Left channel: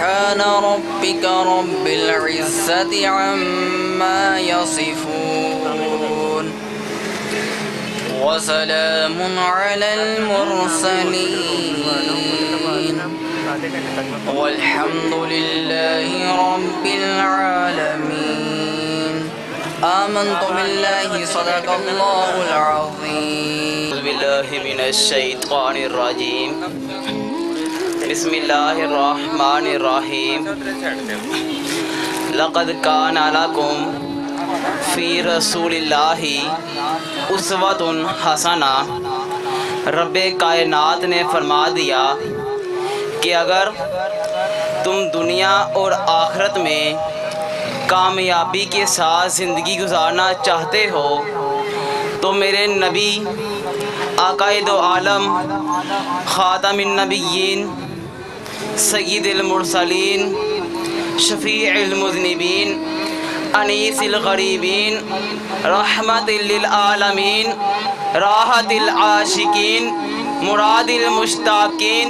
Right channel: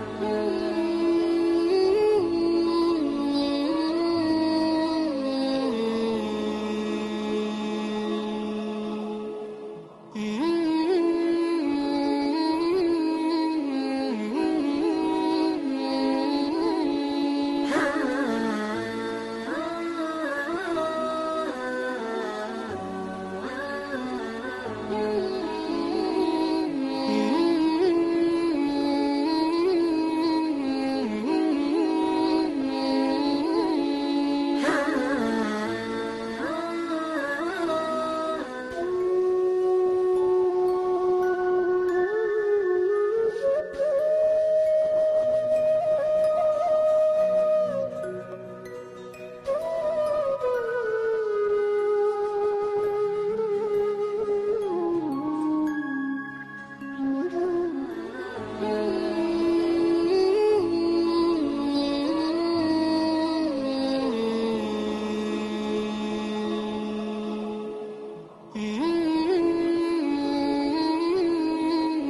سبحان ربك رب العزة عما يصفون وسلام على المرسلين والحمد لله رب العالمين آمنت بالله صدق الله العظيم أعوذ بالله من الشيطان الرجيم بسم الله الرحمن الرحيم لقد كان لكم في رسول الله اسوۃ حسنہ۔ رب کائنات نے فرما دیا کہ اگر تم دنیا اور آخرت میں کامیابی کے ساتھ زندگی گزارنا چاہتے ہو تو میرے نبی آقائے دو عالم خاتم النبیین سید المرسلین شفیع المذنبین انیس الغریبین رحمت للعالمین راحت العاشقین مراد المشتاقین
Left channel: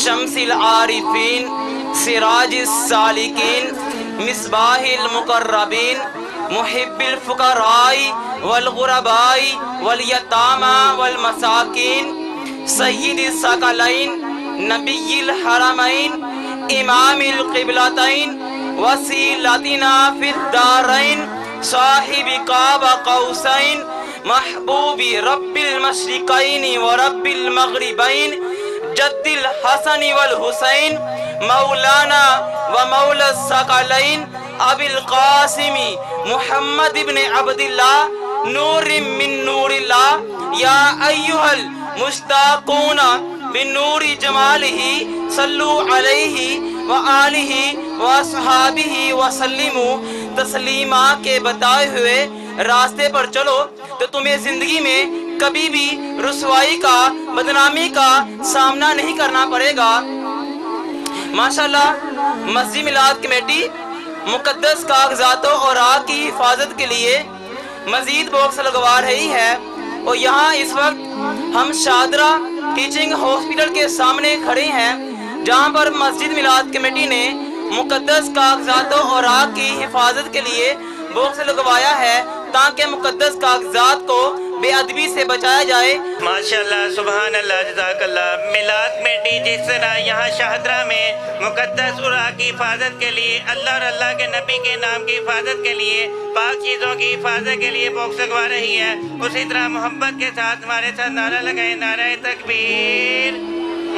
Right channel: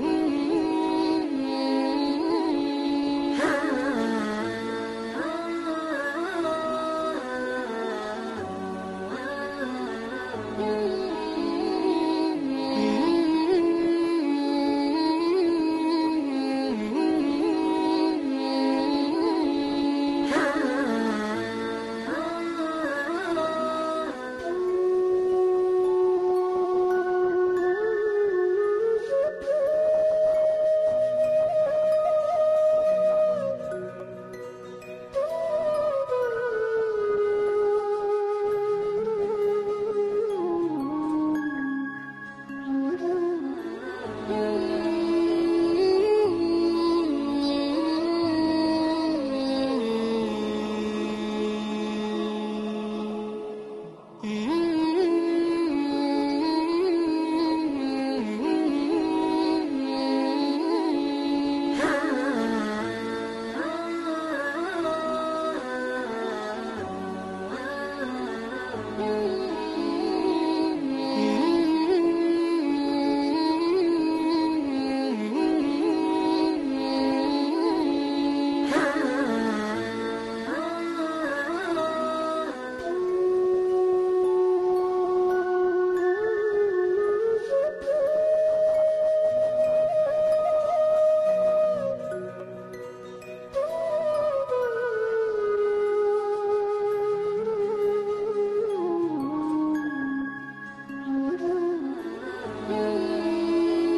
شمس العارفین سراج السالکین مصباح المقربین محب الفقراء والغرباء والیتامى والمساکین سید الثقلین نبی الحرمین امام القبلتین وسیلتنا فی الدارین صاحب قاب قوسین محبوب رب المشرقین ورب المغربین جد الحسن والحسین مولانا ومولا الثقلین ابی القاسم محمد بن عبداللہ نور من نور اللہ یا ایہا المشتاقون بنور جمالہ صلو علیہ وآلہ واصحابہ وسلموا تسلیما کے بتائے ہوئے راستے پر چلو تو تمہیں زندگی میں کبھی بھی رسوائی کا بدنامی کا سامنا نہیں کرنا پڑے گا۔ ماشاءاللہ مسجد میلاد کمیٹی مقدس کاغذاتوں اور آگ کی حفاظت کے لیے مزید باکس لگوا رہی ہے، اور یہاں اس وقت ہم شادرہ ٹیچنگ ہاسپٹل کے سامنے کھڑے ہیں جہاں پر مسجد میلاد کمیٹی نے مقدس کاغذاتوں اور آگ کی حفاظت کے لیے باکس لگوایا ہے تاکہ مقدس کاغذات کو بے ادبی سے بچایا جائے۔ ماشاءاللہ سبحان اللہ جزاک اللہ۔ میلاد کمیٹی جس طرح یہاں شاہدرہ میں مقدس عرا کی حفاظت کے لیے اللہ اور اللہ کے نبی کے نام کی حفاظت کے لیے پاک چیزوں کی حفاظت کے لیے باکس لگوا رہی ہے، اسی طرح محبت کے ساتھ ہمارے ساتھ نعرہ لگائیں، نعرہ تکبیر،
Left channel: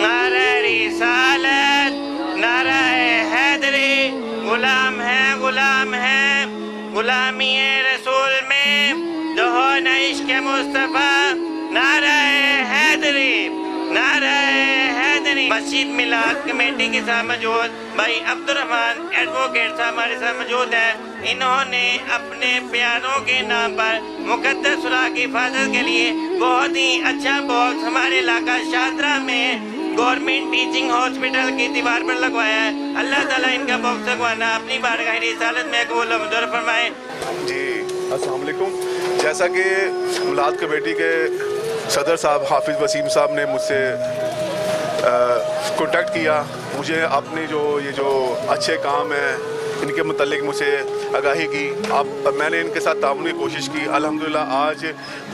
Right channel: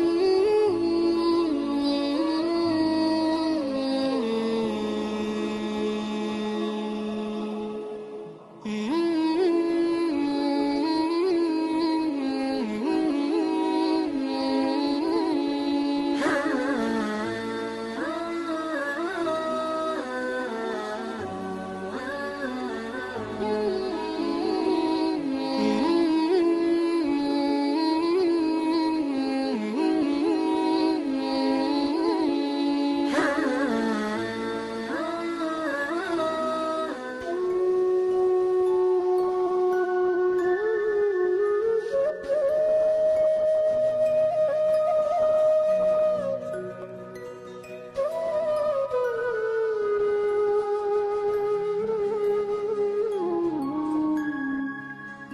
نعرہ رسالت، نعرہ حیدری، غلام ہے غلام ہے غلامی رسول میں دہون عشق مصطفیٰ، نعرہ حیدری، نعرہ حیدری۔ مسجد میلاد کمیٹی کے ساتھ موجود بھائی عبدالرحمن ایڈوکیٹ صاحب ہمارے ساتھ موجود ہیں، انہوں نے اپنے پیاروں کے نام پر مقدس عرا کی حفاظت کے لیے بہت ہی اچھا باکس ہمارے علاقہ شادرہ میں گورنمنٹ ٹیچنگ ہاسپٹل کی دیوار پر لگوایا ہے۔ اللہ تعالیٰ ان کا باکس لگوانا اپنی بارگاہ رسالت میں قبول و منظور فرمائے۔ جی السلام علیکم۔ جیسا کہ میلاد کمیٹی کے صدر صاحب حافظ وسیم صاحب نے مجھ سے کانٹیکٹ کیا، مجھے اپنے جو اچھے کام ہیں ان کے متعلق مجھ سے آگاہی کی، میں نے ان کے ساتھ تعاون کی کوشش کی۔ الحمدللہ آج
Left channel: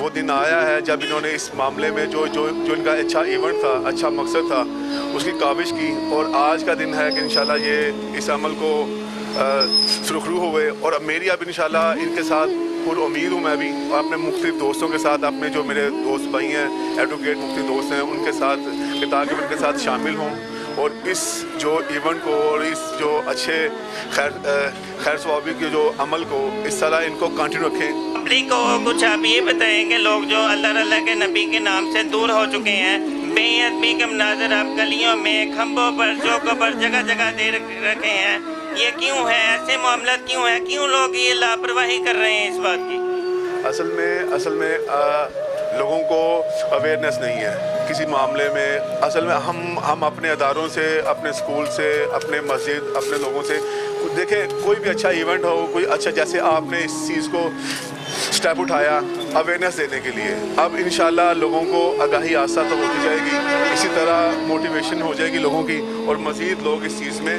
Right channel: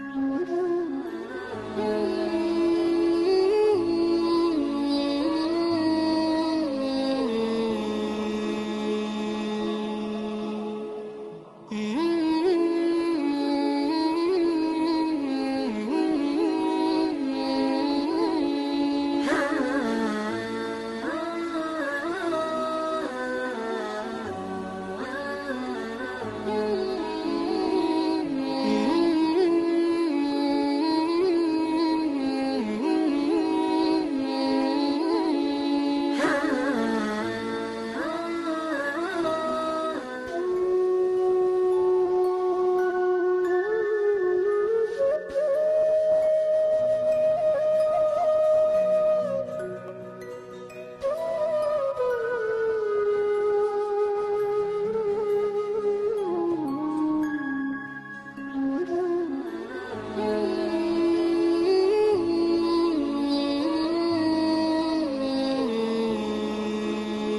وہ دن آیا ہے جب انہوں نے اس معاملے میں جو ان کا اچھا ایونٹ تھا، اچھا مقصد تھا، اس کی کاوش کی، اور آج کا دن ہے کہ انشاءاللہ یہ اس عمل کو سرخرو ہوئے، اور میری اب انشاءاللہ ان کے ساتھ پر امید ہوں میں بھی اپنے مختلف دوستوں کے ساتھ، اپنے جو میرے دوست بھائی ہیں ایڈوکیٹ مختلف دوست ہیں ان کے ساتھ، تاکہ ان کے ساتھ شامل ہوں اور اس جو ایونٹ کو اور اس جو اچھے خیر ثوابی کے جو عمل کو اس طرح ان کو کنٹینیو رکھیں۔ پبلک کو کچھ آپ یہ بتائیں کہ لوگ جو اللہ کے نبی کے نام سے دور ہو چکے ہیں، بے ادبی کے مناظر آپ گلیوں میں کھمبوں پر چوکوں پر جگہ جگہ دے رکھے ہیں، یہ کیوں ہے؟ ایسے معاملات کیوں ہیں؟ کیوں لوگ یہ لاپرواہی کر رہے ہیں اس بات کی؟ اصل میں لوگوں کو اویئرنیس نہیں ہے کسی معاملے میں۔ اصل میں ہم اپنے اداروں سے، اپنے سکول سے، اپنے مسجد، اپنے لوگوں سے دیکھیں، کوئی بھی اچھا ایونٹ ہو، کوئی اچھا، جیسے آپ نے اس چیز کو سٹیپ اٹھایا اویئرنیس دینے کے لیے، اب انشاءاللہ لوگوں کو آگاہی آسا تو ہوتی جائے گی، اسی طرح موٹیویشن ہو جائے گی لوگوں کی، اور مزید لوگ اس چیز میں